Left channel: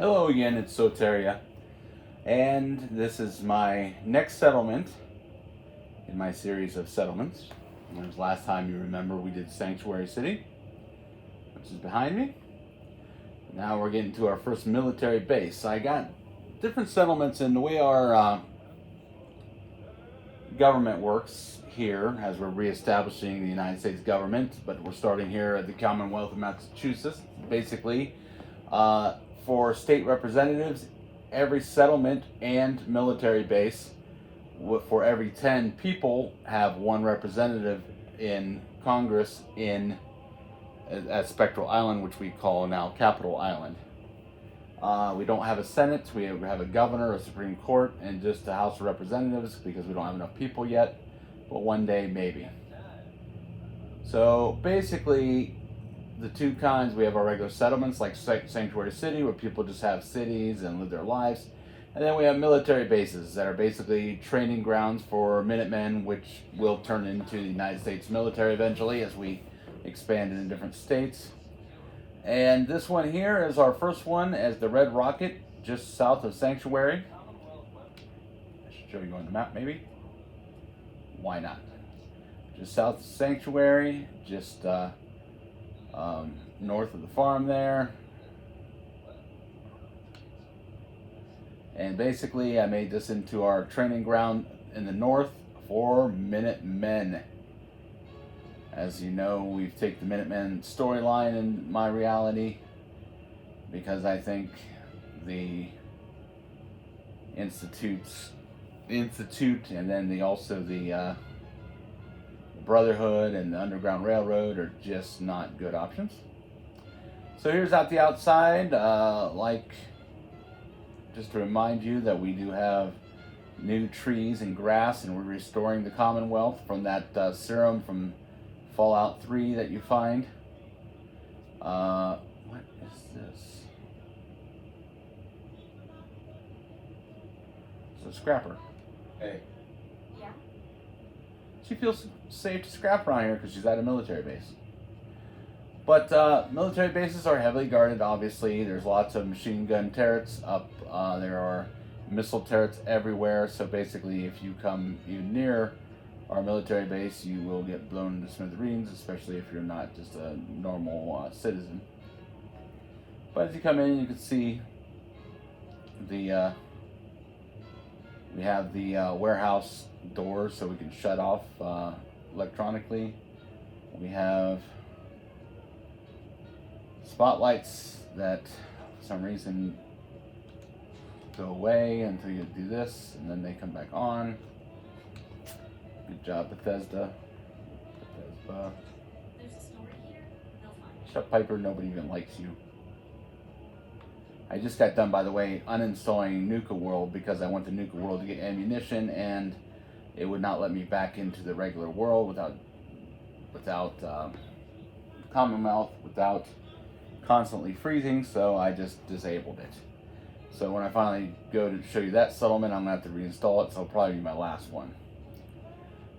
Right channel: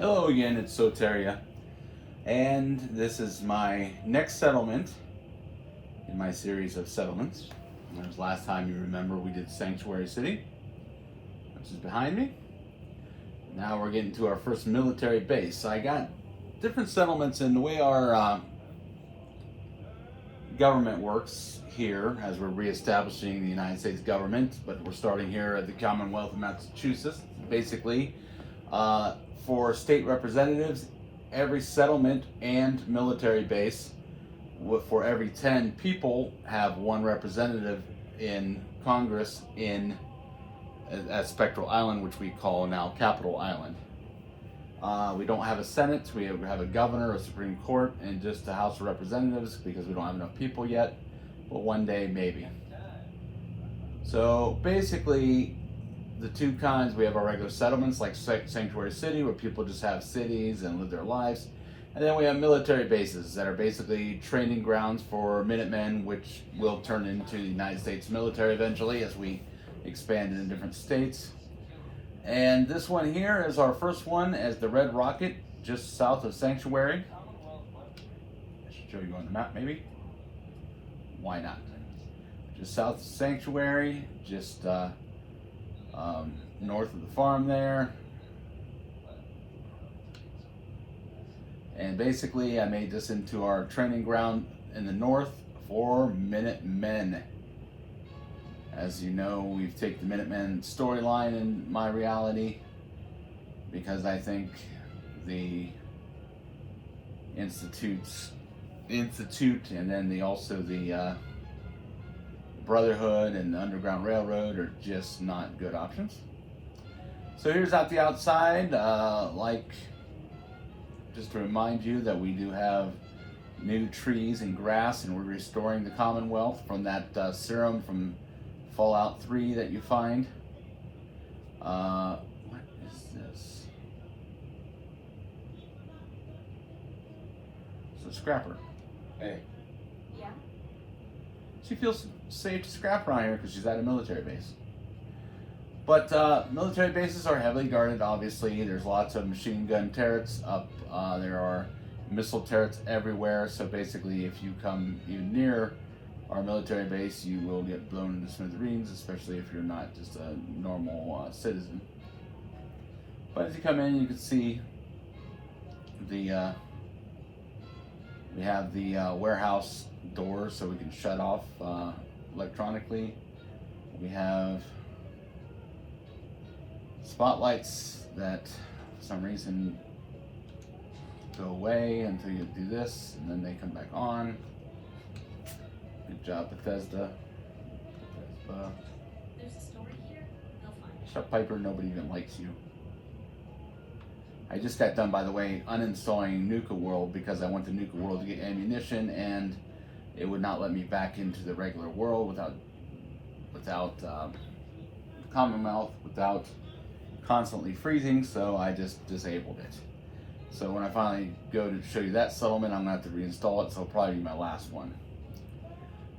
Hello again, it's Soteria, and this is my next settlement in my series of settlements. As last time you remember, we did Sanctuary City, which is behind me. Now we're getting to our first military base. So I got different settlements, and the way our government works here, as we're reestablishing the United States government, but we're starting here at the Commonwealth of Massachusetts. Basically, for state representatives, every settlement and military base, for every 10 people, have one representative in Congress in at Spectral Island, which we call now Capitol Island. We don't have a Senate, we have a governor, a Supreme Court, and just a House of Representatives because we don't have enough people yet, but one day maybe. So basically, the two kinds, we have our regular settlements like Sanctuary City, where people just have cities and live their lives. And then we have military bases that are basically training grounds for Minutemen, which will turn into the United States military eventually as we expand into different states. And this one here is our first one as the Red Rocket, just south of Sanctuary. I should show you on the map maybe. Why not? Just south of Sanctuary, just north of the farm there. And basically I made this into our training ground in the north for Minutemen. As you know, we've taken the Minutemen storyline in my reality because I think the Institute and then the Brotherhood and the Underground Railroad are just not good options. So here's out the outside, just to remind you that we do have new trees and grass, and we're restoring the Commonwealth from that serum from Fallout 3 that you find. What is this? It's a scrapper. Hey. Yeah. She feels safe to scrap around here because she's at a military base. But military bases are heavily guarded, obviously. There's lots of machine gun turrets up. There are missile turrets everywhere. So basically, if you come even near our military base, you will get blown into smithereens, especially if you're not just a normal citizen. But as you come in, you can see the we have the warehouse doors so we can shut off electronically. We have spotlights that for some reason go away until you do this, and then they come back on. Good job, Bethesda. There's a story here. They'll find it. Shut Piper, nobody even likes you. I just got done, by the way, uninstalling Nuka World because I want the Nuka World to get ammunition, and it would not let me back into the regular world without Commonwealth, without constantly freezing, so I just disabled it. So when I finally go to show you that settlement, I'm gonna have to reinstall it, so it'll probably be my last one.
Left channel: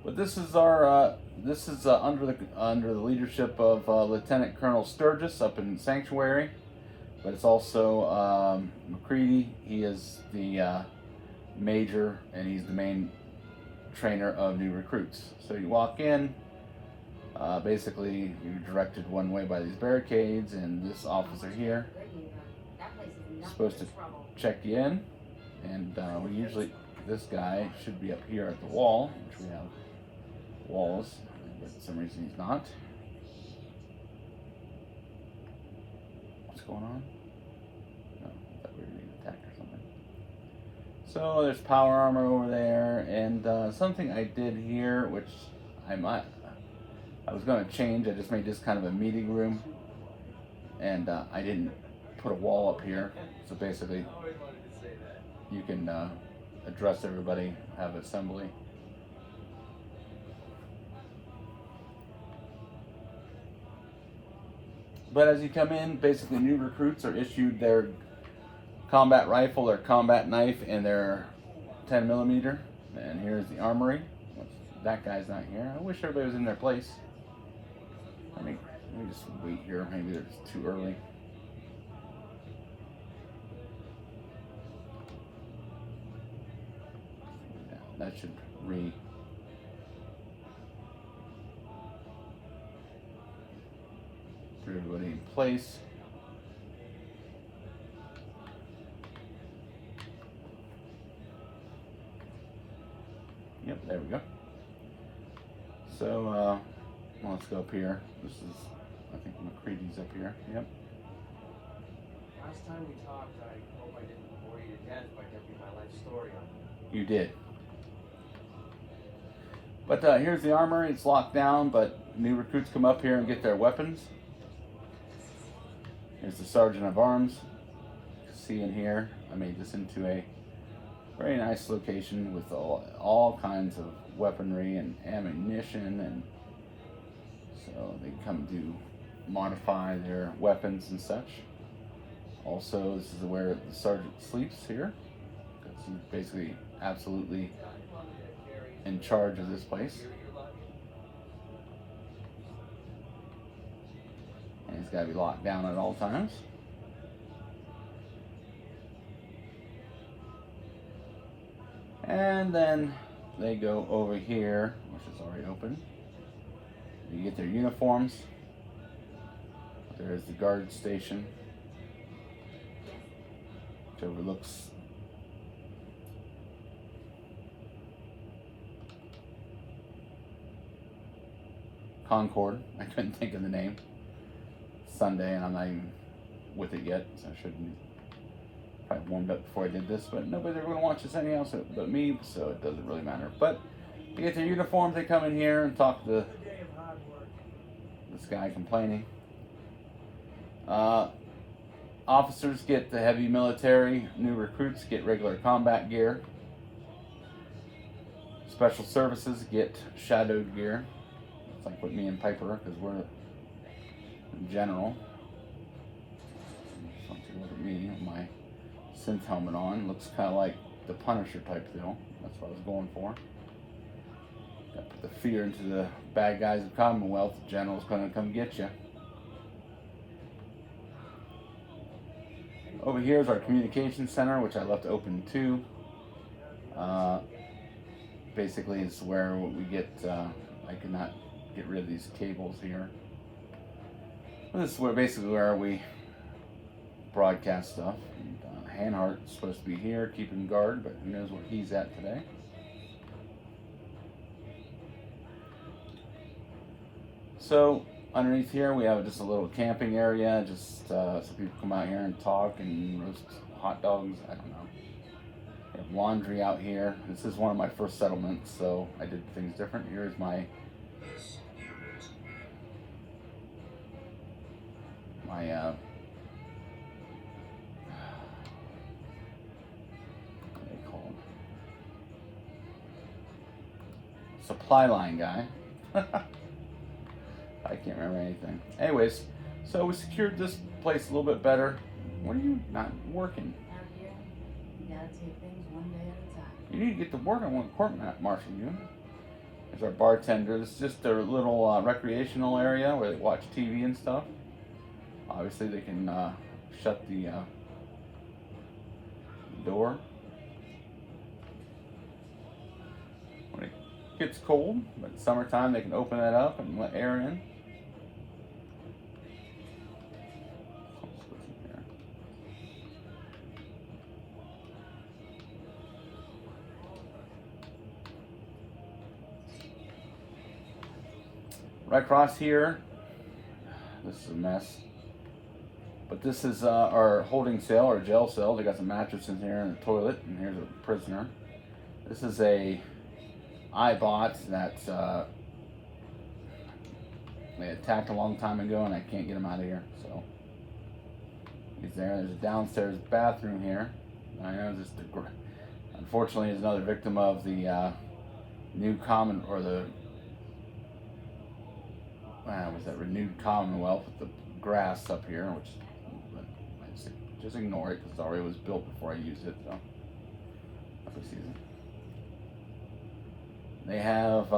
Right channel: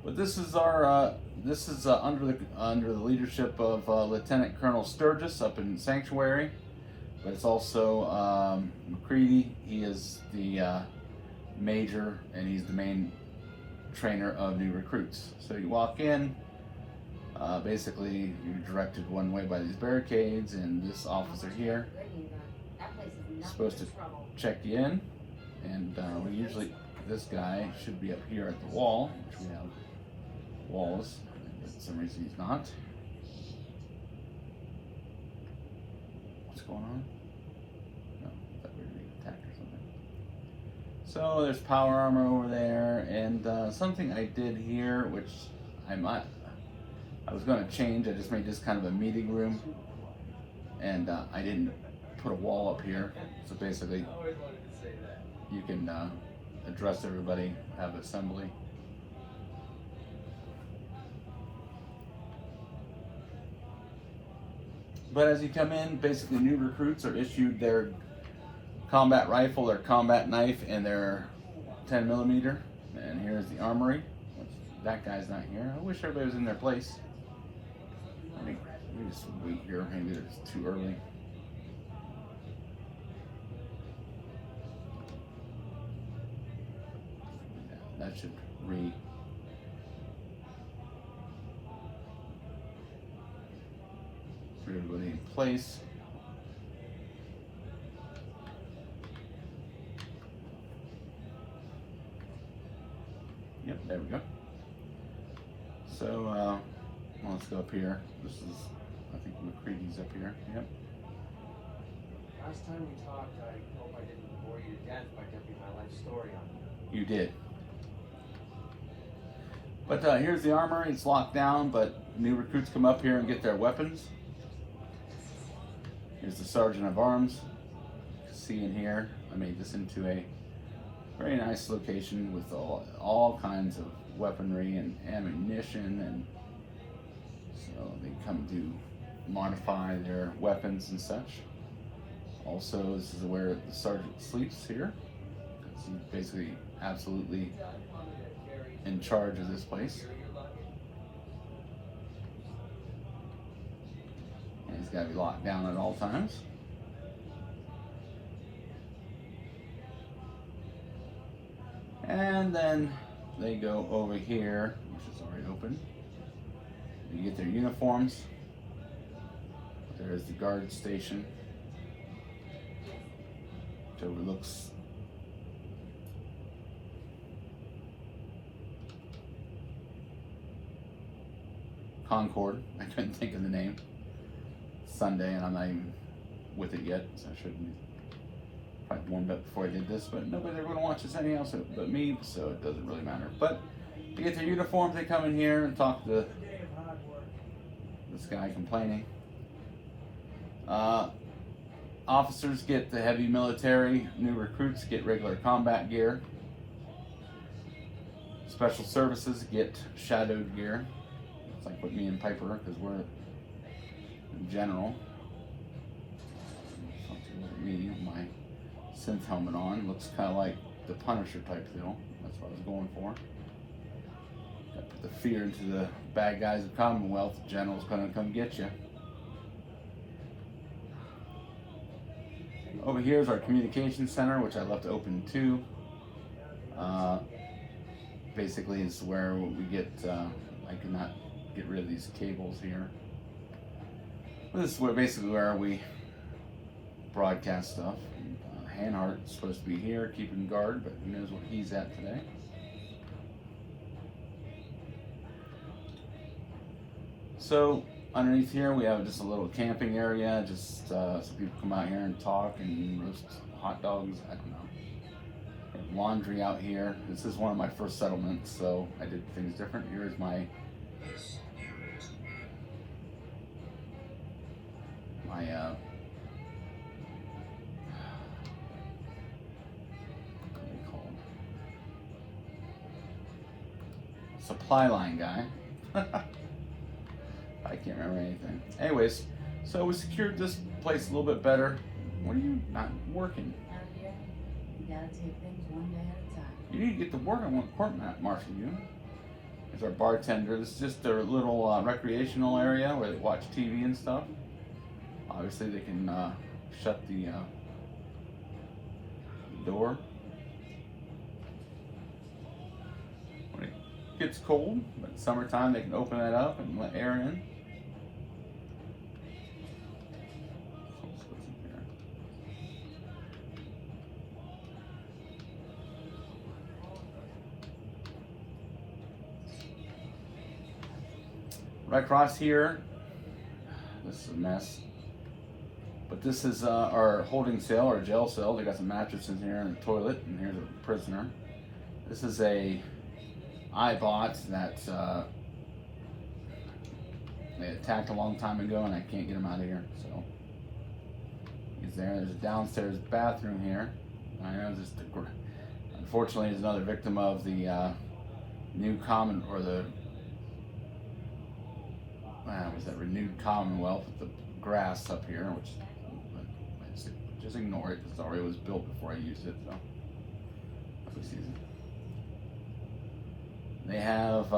But this is our under the leadership of Lieutenant Colonel Sturgis up in Sanctuary. But it's also McCready. He is the major, and he's the main trainer of new recruits. So you walk in. Basically, you're directed one way by these barricades, and this officer here is supposed to check you in. And we usually, this guy should be up here at the wall, which we have walls, but for some reason he's not. What's going on? No, I thought we were being attacked or something. So there's power armor over there, and something I did here, which I was going to change. I just made this kind of a meeting room, and I didn't put a wall up here. So basically, you can address everybody, have assembly. But as you come in, basically new recruits are issued their combat rifle, their combat knife, and their 10mm. And here's the armory. That guy's not here. I wish everybody was in their place. Let me just wait here. Maybe it's too early. that should put everybody in place. Yep, there we go. So let's go up here. This is, I think McCready's up here. Yep. Last time we talked, I hope I didn't bore you to death by dumping my life story on you. You did. But here's the armory. It's locked down, but new recruits come up here and get their weapons. Here's the sergeant of arms. See in here, I made this into a very nice location with all kinds of weaponry and ammunition, and so they come to modify their weapons and such. Also, this is where the sergeant sleeps here. He's basically absolutely in charge of this place. And he's got to be locked down at all times. And then they go over here, which is already open. You get their uniforms. There is the guard station, which overlooks Concord. I couldn't think of the name. It's Sunday, and I'm not even with it yet, so I shouldn't. Probably warmed up before I did this, but nobody's ever going to watch this anything else but me, so it doesn't really matter. But they get their uniforms, they come in here and talk to this guy complaining. Officers get the heavy military, new recruits get regular combat gear. Special services get shadowed gear. It's like with me and Piper, because we're in general. Look at me, my synth helmet on. Looks kind of like the Punisher type deal. That's what I was going for. Gotta put the fear into the bad guys of Commonwealth. The general's gonna come get you. Over here is our communication center, which I left open too. Basically, it's where we get. I cannot get rid of these cables here. This is basically where we broadcast stuff. Hanhart's supposed to be here, keeping guard, but who knows where he's at today. So underneath here we have just a little camping area, just so people come out here and talk and roast hot dogs. I don't know. We have laundry out here. This is one of my first settlements, so I did things different. Here's my supply line guy. I can't remember anything. Anyways, so we secured this place a little bit better. What are you not working? You gotta take things one day at a time. You need to get to work on what department, Marshall. You. There's our bartender. This is just their little recreational area where they watch TV and stuff. Obviously, they can shut the door when it gets cold. But summertime, they can open that up and let air in. Right across here, this is a mess. But this is our holding cell, or jail cell. They got some mattresses here and a toilet, and here's a prisoner. This is a iBot that they attacked a long time ago, and I can't get him out of here. So he's there. There's a downstairs bathroom here. I know this. Unfortunately, is another victim of the new common, or the was that renewed Commonwealth with the grass up here, which just ignore it because it already was built before I used it. So that's what season. They have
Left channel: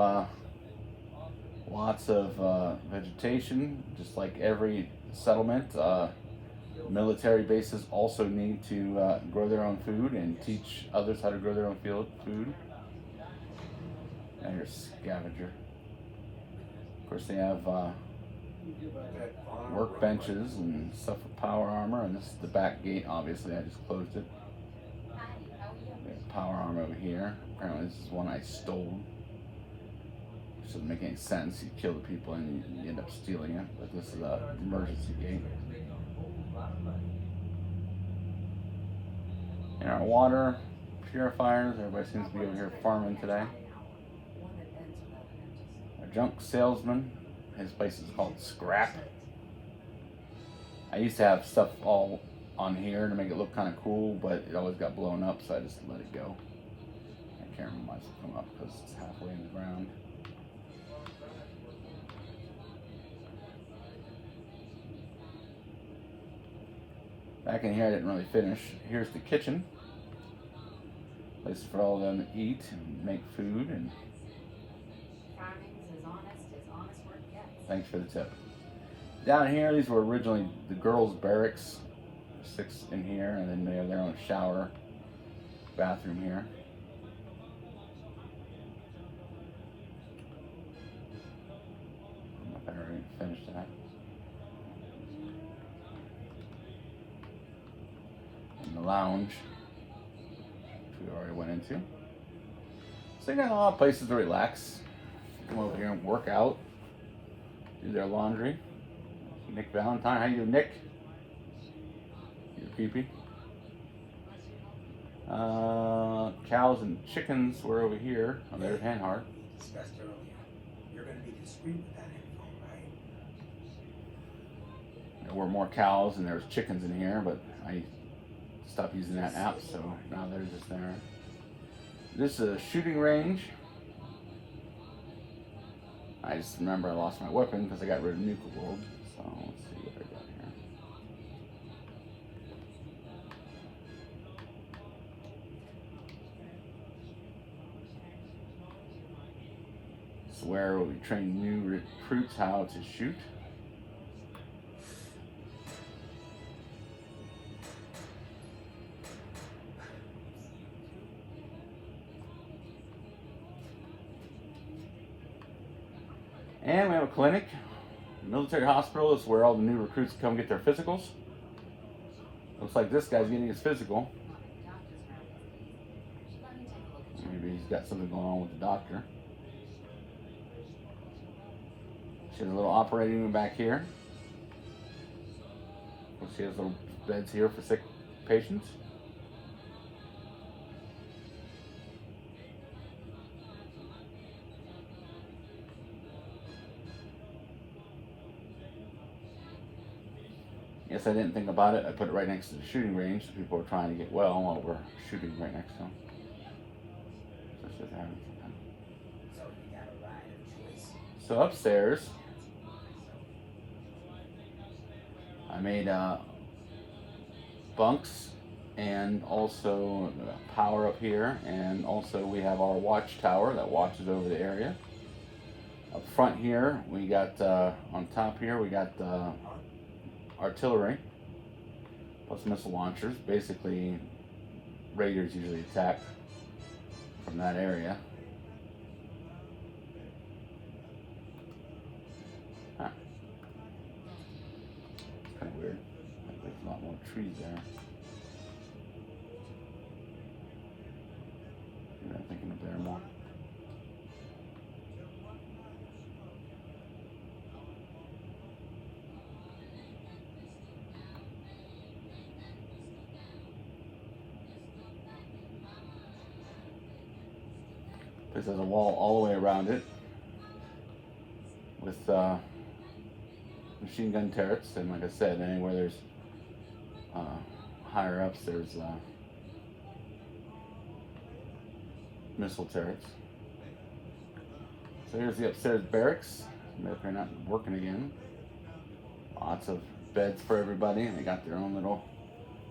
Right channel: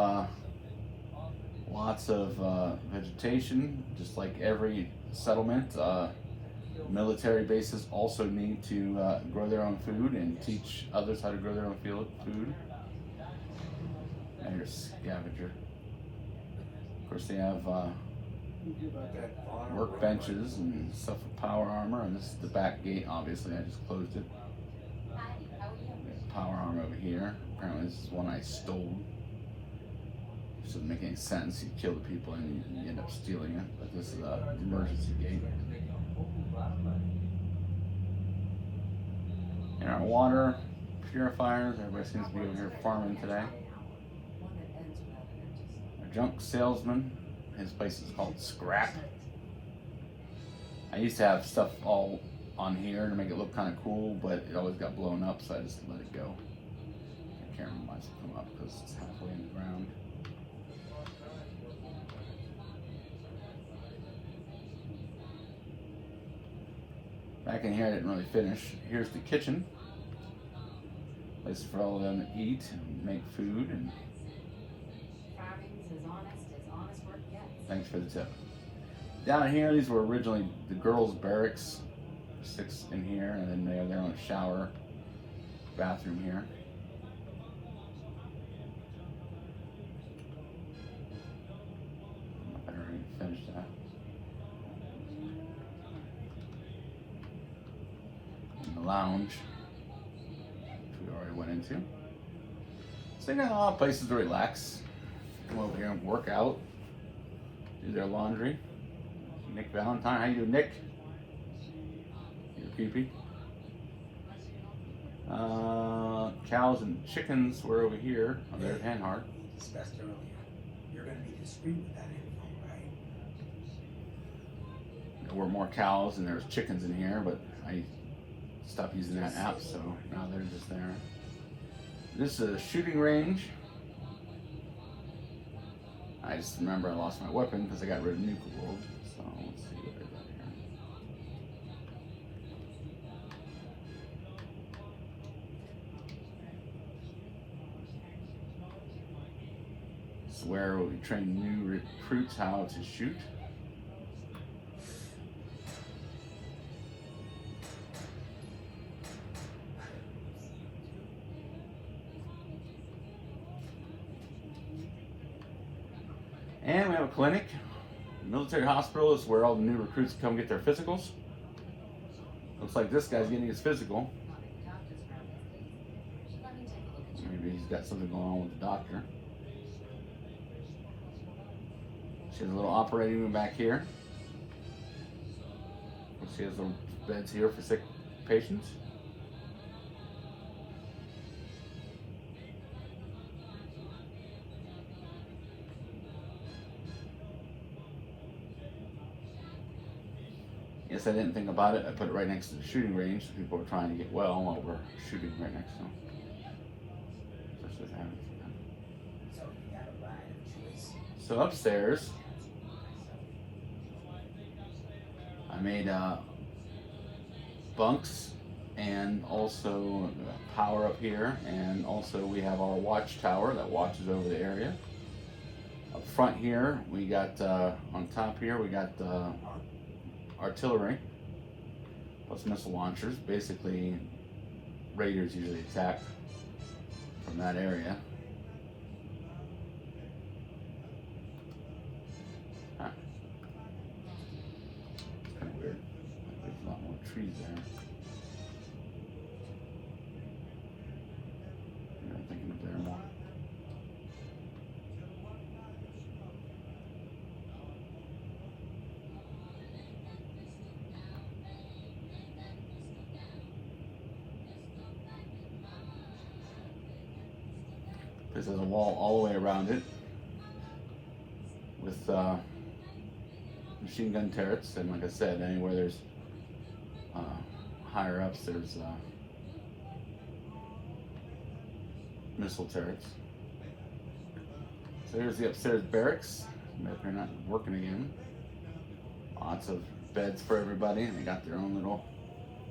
lots of vegetation, just like every settlement. Military bases also need to grow their own food and teach others how to grow their own food. And here's scavenger. Of course, they have workbenches and stuff with power armor, and this is the back gate. Obviously, I just closed it. Hi, how are you? We have power armor over here. Apparently, this is one I stole. This doesn't make any sense. You kill the people and you end up stealing it. But this is an emergency gate. And our water purifiers. Everybody seems to be over here farming today. One that ends without an empty Our junk salesman. His place is called Scrap. I used to have stuff all on here to make it look kind of cool, but it always got blown up, so I just let it go. I can't remember why it's come up because it's halfway in the ground. Back in here, I didn't really finish. Here's the kitchen. This is for all of them to eat and make food, and Farming's as honest work gets. thanks for the tip. Down here, these were originally the girls' barracks. 6 in here, and then they have their own shower, bathroom here. I better already finish that. And the lounge, which we already went into. So they got a lot of places to relax. Come over here and work out, do their laundry. Nick Valentine, how you doing, Nick? You're creepy. Cows and chickens were over here on their hen heart. Discussed earlier. You're going to be discreet with that info, right? There were more cows and there was chickens in here, but I stopped using that app, so now they're just there. This is a shooting range. I just remember I lost my weapon because I got rid of Nuka World. So let's see what I got here. This is where we train new recruits how to shoot. And we have a clinic. Military hospital is where all the new recruits come get their physicals. Looks like this guy's getting his physical. Maybe he's got something going on with the doctor. She has a little operating room back here. She has little beds here for sick patients. Yes, I didn't think about it. I put it right next to the shooting range. So people are trying to get well while we're shooting right next to them. Just with her. So you got a right of choice. So upstairs, I made bunks and also power up here, and also we have our watchtower that watches over the area. Up front here, we got on top here we got artillery plus missile launchers. Basically, raiders usually attack from that area. Huh. It's kind of weird. There's not more trees there. I'm thinking of there more. This has a wall all the way around it with machine gun turrets, and like I said, anywhere there's higher ups, there's missile turrets. So here's the upstairs barracks. If they're not working again. Lots of beds for everybody, and they got their own little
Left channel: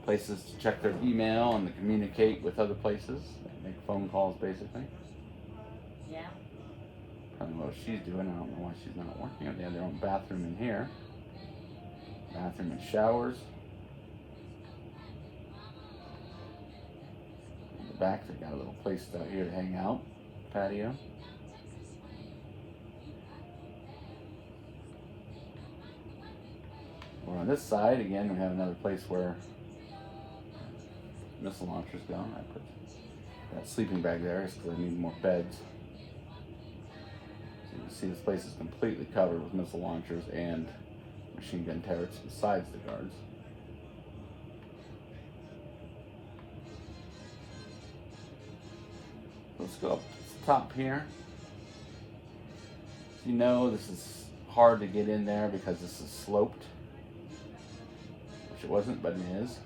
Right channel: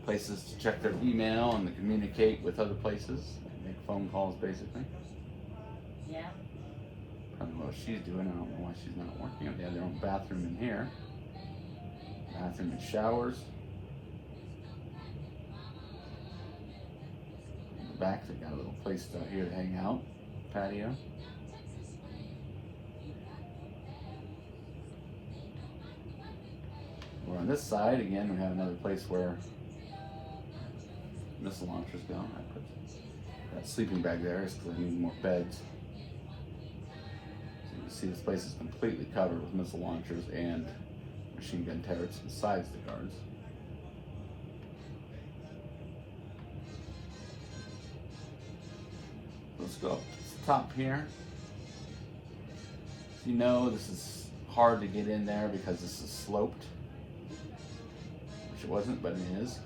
places to check their email and to communicate with other places, make phone calls basically. Yeah. I don't know what she's doing. I don't know why she's not working. They have their own bathroom in here. Bathroom and showers. In the back, they got a little place out here to hang out. Patio. On this side, again, we have another place where missile launchers go. I put that sleeping bag there just because I need more beds. So you can see this place is completely covered with missile launchers and machine gun turrets besides the guards. Let's go up to the top here. You know, this is hard to get in there because this is sloped, which it wasn't, but it is.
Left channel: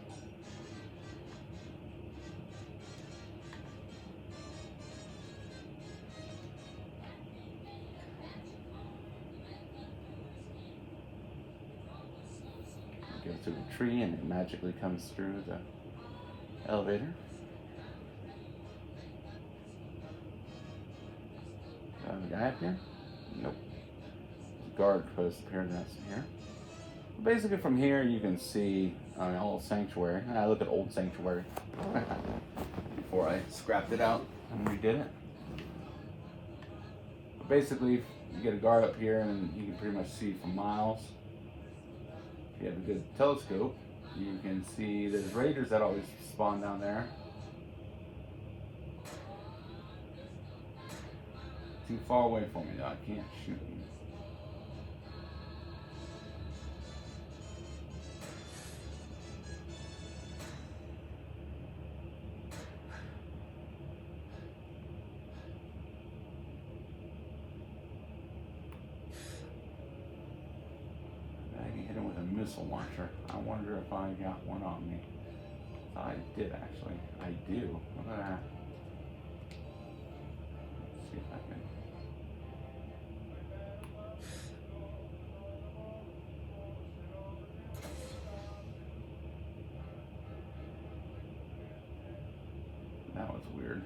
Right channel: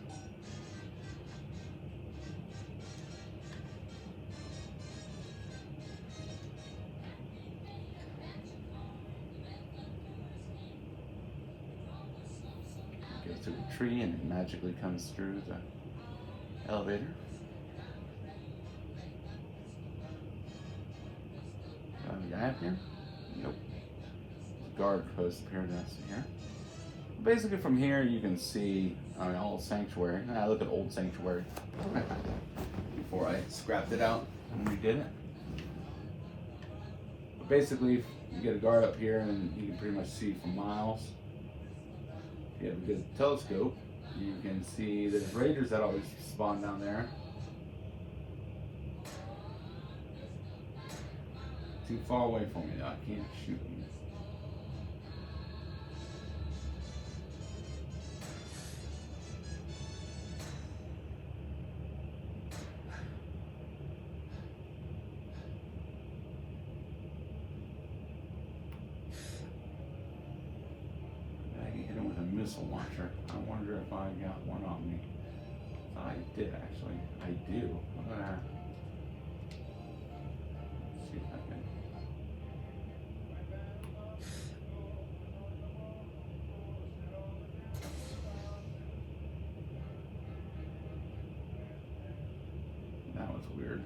Go through the tree and it magically comes through the elevator. Got a guy up here? Nope. Guard post here, that's here. Basically from here you can see all the sanctuary. I look at old sanctuary before I scrapped it out and redid it. But basically you get a guard up here and you can pretty much see for miles. If you have a good telescope, you can see there's raiders that always spawn down there. Too far away from me, though. I can't shoot them. I hit him with a missile launcher. I wonder if I got one on me. I did actually. I do. What do I have? Let's see if I can. That was weird.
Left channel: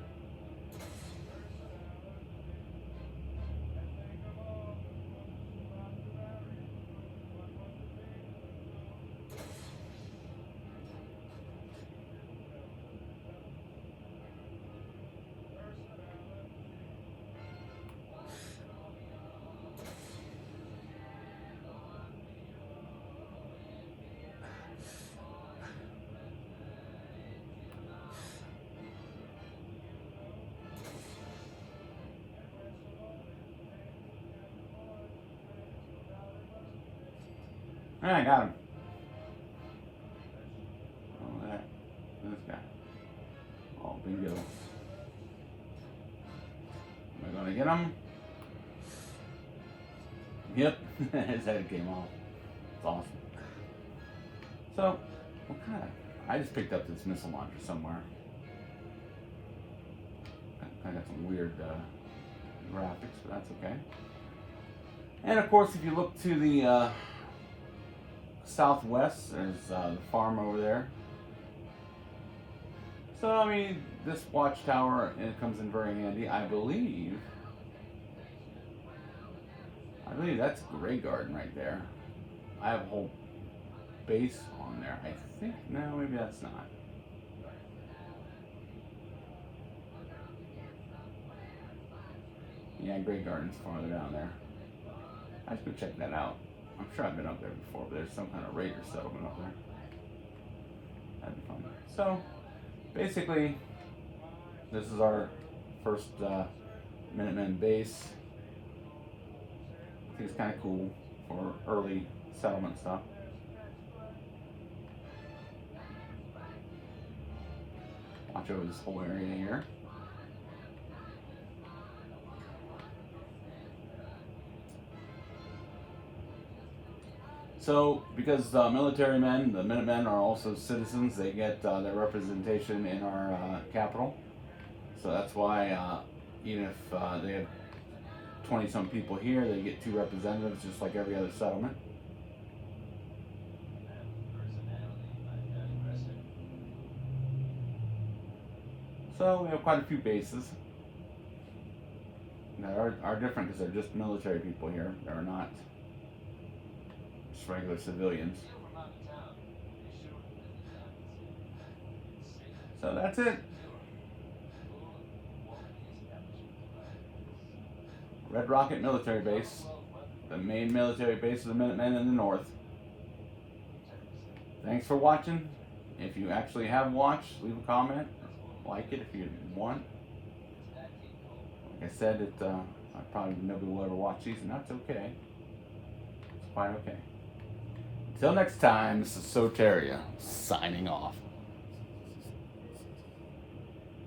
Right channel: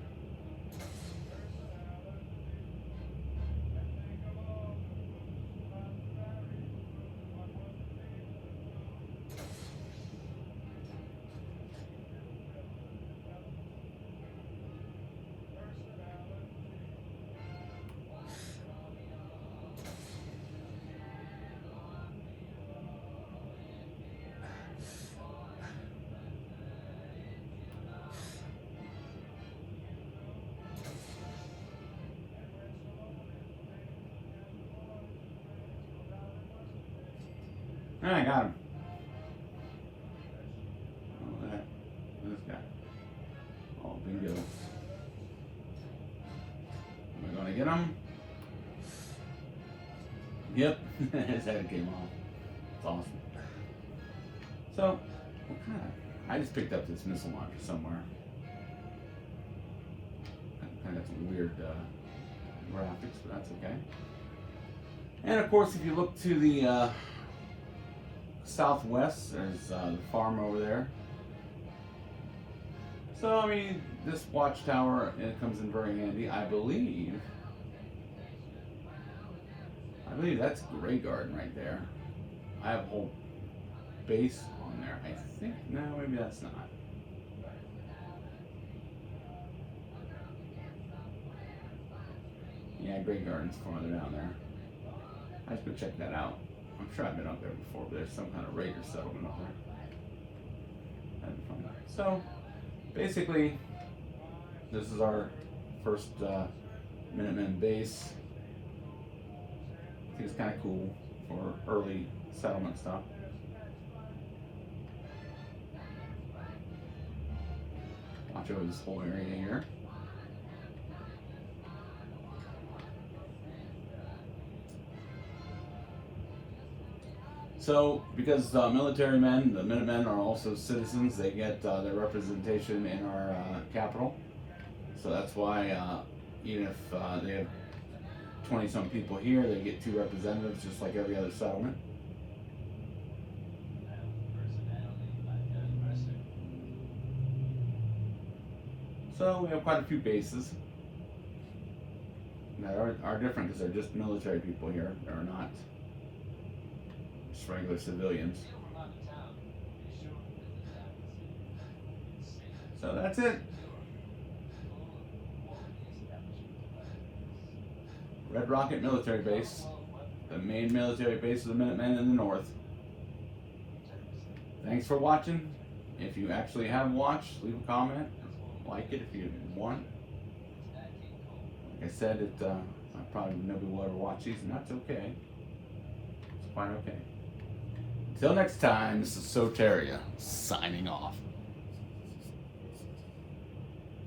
I got him. Oh, the heck? This guy. Oh, bingo. Am I gonna get him? Yep. His head came off. It's awesome. So, what kind of... I just picked up this missile launcher somewhere. I got some weird graphics, but that's okay. And of course, if you look to the southwest, there's the farm over there. So, I mean, this watchtower, it comes in very handy. I believe that's Grey Garden right there. I have a whole base on there. I think, no, maybe that's not. Yeah, Grey Garden's farther down there. I should go check that out. I'm sure I've been up there before, but there's some kind of raider settlement up there. That'd be fun. So, basically, this is our first Minutemen base. I think it's kind of cool for early settlement stuff. Watch over this whole area here. So, because military men, the Minutemen are also citizens, they get their representation in our capital. So that's why even if they have 20-some people here, they get 2 representatives, just like every other settlement. So we have quite a few bases that are different because they're just military people here. They're not just regular civilians. So that's it. Red Rocket Military Base, the main military base of the Minutemen in the north. Thanks for watching. If you actually have watched, leave a comment. Like it if you want. Like I said, I probably never will ever watch these, and that's okay. It's quite okay. Until next time, this is Soteria, signing off.